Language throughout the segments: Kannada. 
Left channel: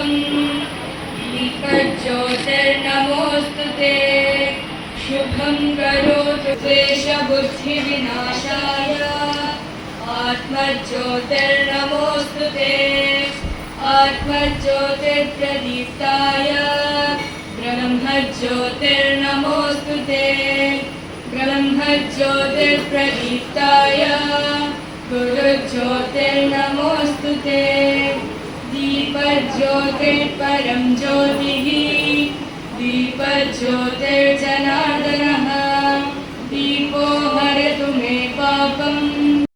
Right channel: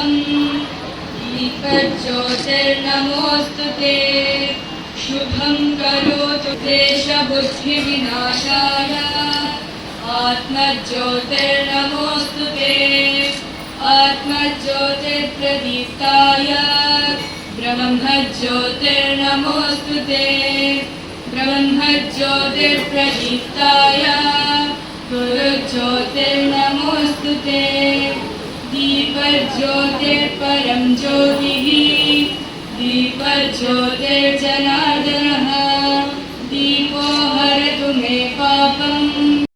पापम् दीपज्योतिर्नमोऽस्तु ते। शुभं करोतु देशबुद्धिविनाशाय। आत्मज्योतिर्नमोऽस्तु ते। आत्मज्योतिर्प्रदीप्ताय। ब्रह्मज्योतिर्नमोऽस्तु ते। ब्रह्मज्योतिर्प्रदीप्ताय दीपज्योतिर्परं ज्योतिः दीपज्योतिर्जनार्दनः दीपो हरतु मे पापम्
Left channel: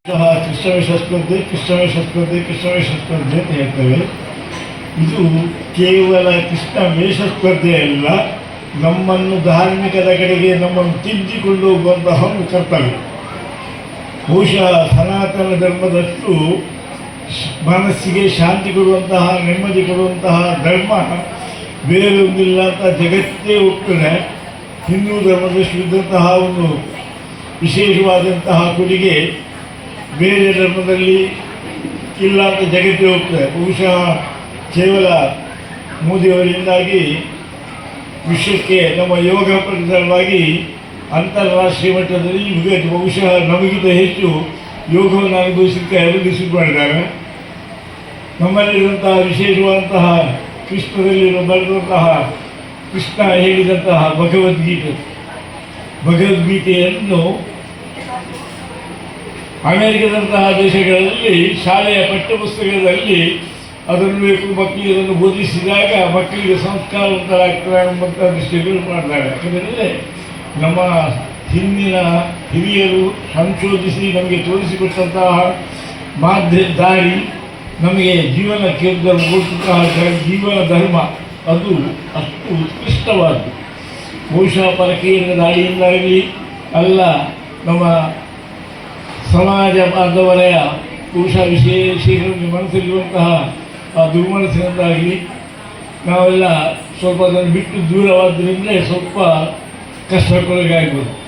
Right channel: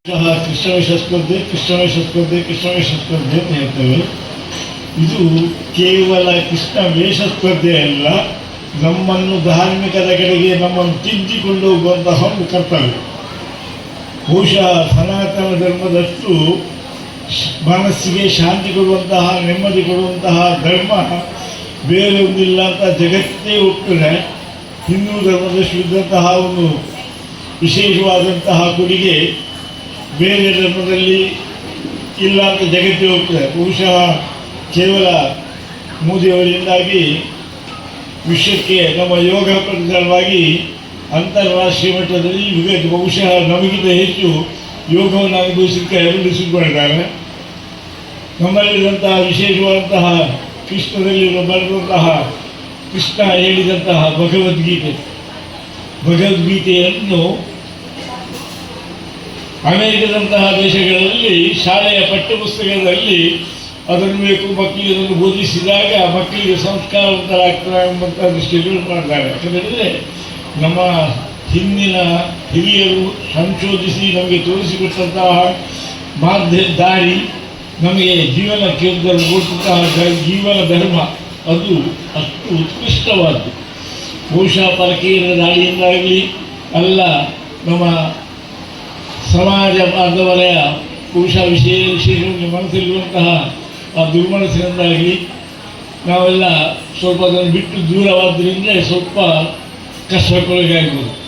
ಸಹ ಕೃಷ್ಣವೇಷ ಸ್ಪರ್ಧೆ ಕೃಷ್ಣವೇಷ ಸ್ಪರ್ಧೆ ಕೃಷ್ಣವೇಷ ಸ್ಪರ್ಧೆ ಅಂತ ಹೇಳ್ತೇವೆ ಇದು ಕೇವಲ ಕೃಷ್ಣ ವೇಷ ಸ್ಪರ್ಧೆ ಅಲ್ಲ ನಮ್ಮನ್ನು ಧಾರ್ಮಿಕದ ಕಡೆಗೆ ನಮ್ಮನ್ನು ತಿದ್ದಿಕೊಂಡು ಹೋಗುವಂತಹ ಒಂದು ಕರ್ತವ್ಯ ಬಹುಶಃ ಸನಾತನ ಧರ್ಮದಷ್ಟು ಶ್- ಮನಸ್ಸಿಗೆ ಶಾಂತಿ ಕೊಡುವಂತಹ, ನೆಮ್ಮದಿ ಕೊಡುವಂತಹ ಧರ್ಮ ಬೇರೊಂದಿಲ್ಲ ಅಂತ ಜಗತ್ತೇ ಒಪ್ಪಿದೆ ಹಿಂದೂ ಧರ್ಮದಷ್ಟು ಇದ್ದಂತಹ ಒಂದು ವಿಶೇಷವಾದಂತಹ ಕೊಡುಗೆ ಬೇರೆ ಧರ್ಮದಲ್ಲಿ ಇಲ್ಲ ಅಂತ ಜಗತ್ತೇ ಹೋಗ್ತದೆ. ಬಹುಶಃ ಕೇವಲ ಮೋದಿಯವರಿಂದಾಗಿ ವಿಶ್ವಕ್ಕೆ ನಮ್ಮ ಯೋಗ ಪ್ರಕಾರವಾಗಿ ಅಂತಾರಾಷ್ಟ್ರೀಯ ಮಟ್ಟದಲ್ಲಿ ಬಹುಶಃ ನಮಗಿಂತ ಹೆಚ್ಚು ಯೋಗವನ್ನು ಅನುಭವಿಸಲಿಕ್ಕೆ ಅಭಿವೃದ್ಧಿ ನಮ್ಮಲ್ಲಿರುವಂತಹ ವಿಶೇಷವಾದಂತಹ ಕೃಷ್ಣದಲ್ಲಿ ಬರೆದಂತಹ ಕೃಷ್ಣ ಹೇಳಿದಂತಹ ಭಗವದ್ಗೀತೆ ಭಗವದ್ಗೀತೆಯನ್ನು ಅಮೆರಿಕದಂತಹ ದೇಶಗಳಲ್ಲಿ, ಶಾಲೆಯ ಪಠ್ಯಪುಸ್ತಕದಲ್ಲಿ ಅದನ್ನು ಬೇಕು, ಮಕ್ಕಳಿಗೆ ಅದನ್ನು ಬೋಧಿಸಿದಾಗ ಮಕ್ಕಳಿಗೆ ಸಂಸ್ಕಾರವಂತರಾಗ್ತಾರೆ ಎಂಬಂಥ ದೃಷ್ಟಿಗಳು ಮಾಡ್ತಾರೆ. ಯಾಕಂದರೆ ನಮ್ಮ ಹಿಂದಿನ ಹಿರಿಯರು ಸಂಶೋಧಿಸಿ ನಮಗೆ ತೋರಿಸಿಕೊಟ್ಟಂತಹ ಮಾಧ್ಯ ದಾರಿ ನಮಗೆ ಜೀವನ ಕೇಂದ್ರ ಜೀವನ ಧರ್ಮ, ಅದು ಅಷ್ಟು ಉತ್ಕೃಷ್ಟವಾದ್ದು. ಬಹುಶಃ ಪರಕೀಯರ ದಾಳಿಯಿಂದಾಗಲಿ ಅಲ್ಲ, ನಮ್ಮ ಸಮಾಜ ಬಾಂಧವರೆಯ ಬಹುಶಃ ವಿಶೇಷ ಮನಸ್ಸಲ್ಲಿರುವಂತಹ ಆ ದುರ್ಮನಸ್ಸಿನಿಂದಾಗಲಿ ನಾವೆಲ್ಲ ಸ್ವಲ್ಪ ಅದನ್ನು ಬಿಟ್ಟು ದೂರವಾದ್ದರಿಂದ ಸ್ವಲ್ಪ ಕಷ್ಟಕ್ಕೊಳಗಾಗ್ಬೋದು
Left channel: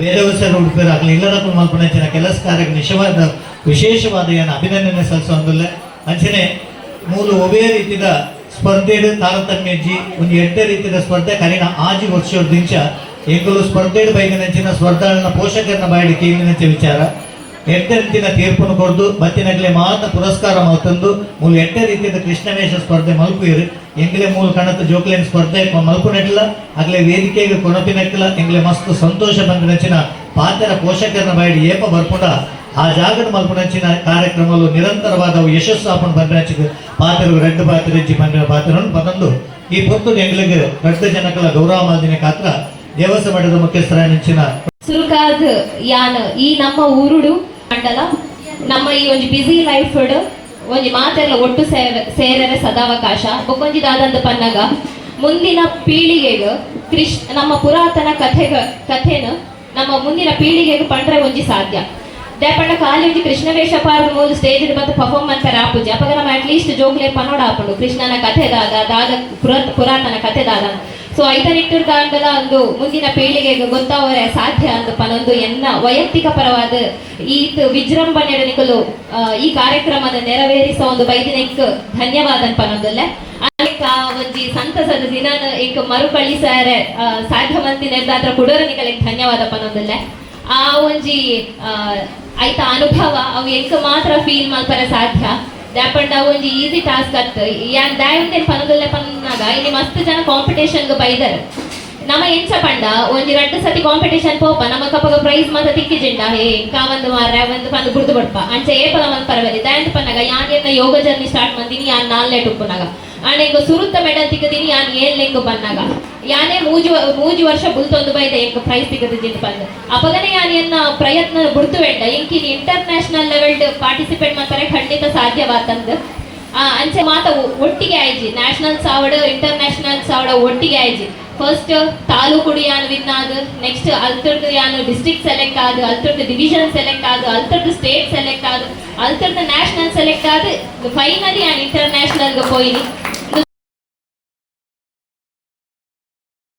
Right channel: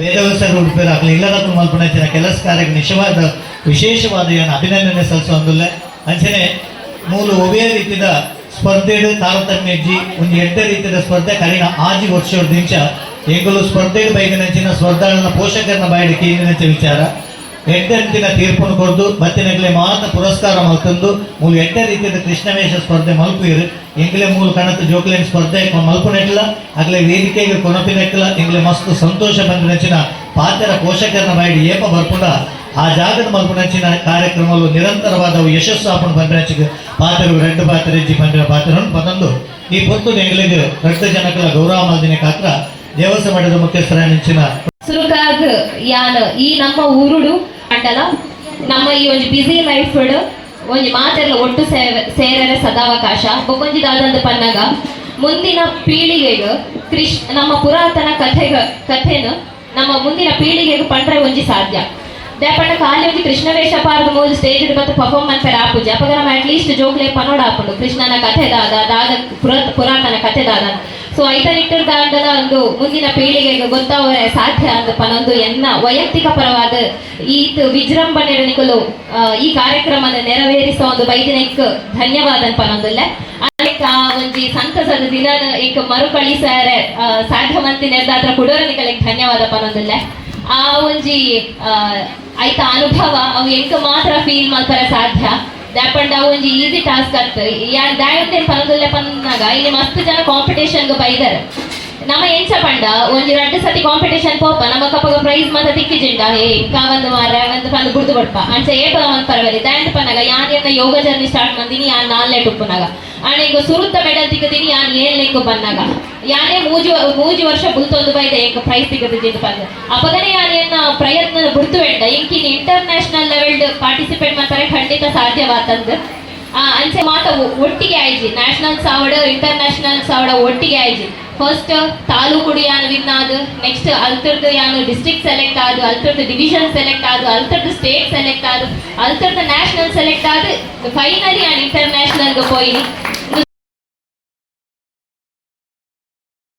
ವೇದವ್ಯಾಸರು ಆಗಲಿ. ಎಲ್ಲರನ್ನು ಮಲ್ಪಣಿಸಿದ ಕೆಲಸ ಕಾರ್ಯಕ್ಕೆ ನಿಜವಾದ, ವಿಶೇಷವಾದ ಏನು ಅಭಿನಂದನೆ ಸಲ್ಲಿಸುವಂದಿಲ್ಲ ಅಂಚನೆ ಮೂಲು ಒಬೇ ರೀತಿಯ ಸ್ಪರ್ಧೆಡು ತಾರತಮ್ಯ ಇಜ್ಜಿ ಒಂದು ಎಡ್ಡ ರೀತಿಯ ಸ್ಪರ್ಧೆ ಕರಿನ ಆಜಿ ವರ್ಷದ ದಿಂಚ ಎಂಕುಲು ಸ್ಪರ್ಧೆಡು ಬೈದಿನಂಚಿನ ಸ್ಪರ್ಧೆಗಳನ್ನ ಪೋಷಕರನ್ನ ಬಾಯಿಡಿ ಕೇಂದ್ರಿನಂಚ ವಿಚಾರ. ಎಡ್ಡಂತಿನ ತೀರ್ಪನ್ನು ಕೊಡ್ದು ಬತ್ತಿನಗ್ಲೆ ಮಾತ್ರ ಪುರಸ್ಕಾರ ಮಲ್ತಂದು ಮೂಲ ಎಡ್ಡ ರೀತಿಯ ಕೃಷ್ಣವೇಷ ಸ್ಪರ್ಧೆ ಮಲ್ಪುಯಿರು ಎಂಗ್ಲೆ ಮೂಲ ಕಣತ ಜೋಕ್ಲೇನ್ ಸ್ಪರ್ಧೆ ಮಲ್ಪುನೆಟ್ಲ ಅಗ್ಲೆ ವೇದಿಕೆಗೆ ಕೊನಪಿನೆಟ್ಲ ಎಂಗ್ಲೆ ಮಸ್ತ್ ಸಂತೋಷ ಬಂದಿನಚಿನ ಪಾತ್ರ ಪೋಷಕರನ್ನ ಬಾಯಿ ಏಪ ಬರ್ಪುಡ ಆ ಜಾಗದ ಮಲ್ಪುನಂಚಿನ ಕಾರ್ಯಕ್ರಮಗಳು ನಿರಂತರವಾದ ಯಶಸ್ಸು ಆಪನ್ ಬಂದಿನಚಿಗೆ ಪಾತ್ರರು ರೆಡ್ಡು ಪಾತ್ರ ಇಜ್ಜಿ ಬಂದಿರ ಪಾತ್ರವನ್ನು ಪತಂದು ಈ ಪೊತ್ತು ಎಂಗ್ಲಿಗೆ ರಕ್ತ ಜನಕಲ ಗೌರವ ಮಾದಿನ ಕಾತ್ರ, ದೇವಸ್ಥಾನ ಮಠದ ಮುಖ್ಯಸ್ಥರ ಸುಲುಕಾದ ಯಾನ್, ಈ ನಮ್ಮ ಊರುಡು ಮಂಡಲ ನಮ್ಮ ಈ ಒಂದು ಬಿಸಿ ಲೈಫ್ ಒಂಜಿ ಮಾತೆಲ್ಲ ಒಟ್ಟು ಸೇರ ಸೇರರ ಸದಾವಕಾಶ. ಬೊಕೊಂಜಿ ದಾದಂದು ಪನ್ನಗ, ಮುಂದಿನ ಪೀಳಿಗೆಗೆ ಕೃಷ್ ನಮ್ಮ ಪುರಾತನ ಕಥೆಗ, ಕಥೆನ ನಮ್ಮ ಮುಂದಿನ ಪೀಳಿಗೆಗೆ ಪಂಡ್ರೆ ಒಂಜಿ ಸಾಧ್ಯ. ದಾಪಂಡ ಖಾಲಿ ಒಂಜಿ ಕೃಷ್ಣ ವೇಷ ಪಾರ್ದ ಮೂಲ ಸ್ಟೇಜ್ ಮತ್ತು ಪರ್ಫಾರ್ಮ್ ಮಾಡ್ತಾರೆ ಆಪುಜಿ ಅಪಗ ನಮ್ಮ ಅಟ್ಲೀಸ್ಟ್ ಜೋಕ್ಲೆ ಪನೋಡ ಆಪುಂಡು ಕೃಷ್ಣನ ಕಥೆ ದಾದ ದಾದ ಪುರ, ಪುರಾತನ ಕಥೆ ದಾದ ಸೊ ಐತನಿಟ್ಟರ್ ದಾಂಡದ ಒಂದು ಮುಂದಿನ ಪೀಳಿಗೆಗೆ ಗೊತ್ತಾವರೆ ಸಾಧ್ಯ ಅಂತ ಪನೊಂದು ಎನ್ನ ವೈಯಕ್ತಿಕ ಪರವಾದ ಈತ್ ವಿಜೃಂಭಣೆ ನಿಕಲು ಆ, ಈ ಕಾರ್ಯಕ್ರಮದ ನೆರವೇರಿಸ ಒಂದು ಬೈದಿನಕ್ಕೆ ಧನ್ಯವಾದ ಪನೊಂದಲ್ಲ ಆ ಒಂಜಿ ಸಂತಸದ ದಿನ ಏಕ ಮರುಕಳಿಸಾರೆ ಸಾಧ್ಯ ಮಂತಿ ಹುಡುಗರ ನಿಕಲಿಕ್ ಧನ್ಯವಾದ ಪನೊಂದಲ್ಲ ಆ ಒಂಜಿ ಐತ ಅನುಭವ ಅವು ಎಂಕ ಮಾತ್ರ ಫೀಲ್ ಮಾಡ್ತಾರೆ ಸಾಧ್ಯ. ದಾಪಂಡ ಒಂಜಿ ಈಸಿ ಟಾಸ್ಕ್ ಆಗ್ತದೆ. ಯಾನ್ ದಾಯಂತೆ ಪನದುಲ್ಲ ಪನ್ನಾಗ ಇಲ್ಲಿ ಮಸ್ತ್ ಜನ ಕಾಂಪಿಟೇಷನ್ ಬೈದರ್. ನಮ್ಮ ಎಂಚ ಪಂಡ ಒಂಜಿ ಎರಡು ಸತಿ ಕಾಂಪಿಟೇಷನ್ ಪೋಪ ನಮ್ಮ ಕಪ್ಪಗ ಪ್ರೈಸ್ ಮಾತ ತಿಕ್ಕಿಜಿಂಡ ಏ ಕಾವಂದು ಮಾರ ಒಂದು ಪಂದು ಬುಡ್ದು ಬಡ್ಪ ಅಂಚೆ ಏಪಲ ಮನ್ ಪರವಾಗಿ ದಾಯಂತ ಪನ್ನಾಗ ಏನ್ ಯೋಗ ಜರ್ನಿ ಸ್ಟಾರ್ಟ್ ಮಂದಿನಿ ಯಾನ್ ನಾಲ್ನೇ ಉಪ್ಪುನಾಗ ಆನೆಂಗ ಸುರುತ್ತ ಮೆಡಲ್ ತಿಕ್ಕದಿನಿ ಯಾನ್ ಏಳ್ನೆಂಗು ಬಂದಾಗ. ಯಾನೇ ಮೂಜು ಮೂಜು ವರ್ಷ ಬುಲ್ತೊಂದು ಬೈದ ಎಂಕ್ ಪ್ರೈಸ್ ತಿಕ್ಕದ ಜಿಂದು ಅಪಗನೆ ಯಾನ್ ಎನ್ನ ಪ್ರಯತ್ನ ಬಿಡ್ತು ಬೇಡ ಇಂಕಿನ ಇಂಟರ್ನ್ಯಾಷನಲ್ ಲೆವೆಲ್ ಪಾರ್ಟಿಸಿಪೇಟ್ ಮಾಡ್ತಾರೆ ಖಂಡಿತ ಸಾಧ್ಯವಾತಂದು. ಅಂಚೆ ಮಾತ ಒಟ್ಟಿಗೆ ಆಯ್ಜಿ. ನ್ಯಾಷನಲ್ ಸಾವಡ ಇಂಟರ್ನ್ಯಾಷನಲ್ ಸಾವಡ ಒಟ್ಟಿಗೆ ಆಯ್ಜಿ. ಫಸ್ಟ್ ತಾಲೂಕುಡು ಯಾನ್ ವಿನ್ ಆದ್ ನೆಕ್ಸ್ಟ್ ಅಲ್ತರ್ದು ಯಾನ್ ಡಿಸ್ಟ್ರಿಕ್ಟ್ ಸೆಲೆಕ್ಟ್ ಆದ್, ಅಲ್ತರ್ದು ಡಿವಿಷನ್ ಸೆಲೆಕ್ಟ್ ಆದ್, ಅಲ್ತರ್ದು ಸ್ಟೇಟ್ ಸೆಲೆಕ್ಟ್ ಆದ್, ಅಲ್ತರ್ದು ನ್ಯಾಷನಲ್ ಸೆಲೆಕ್ಟ್ ಆದ್ ಫೈನಲಿ ಯಾನ್ಗೆ ಹೋಯ್ನಿ.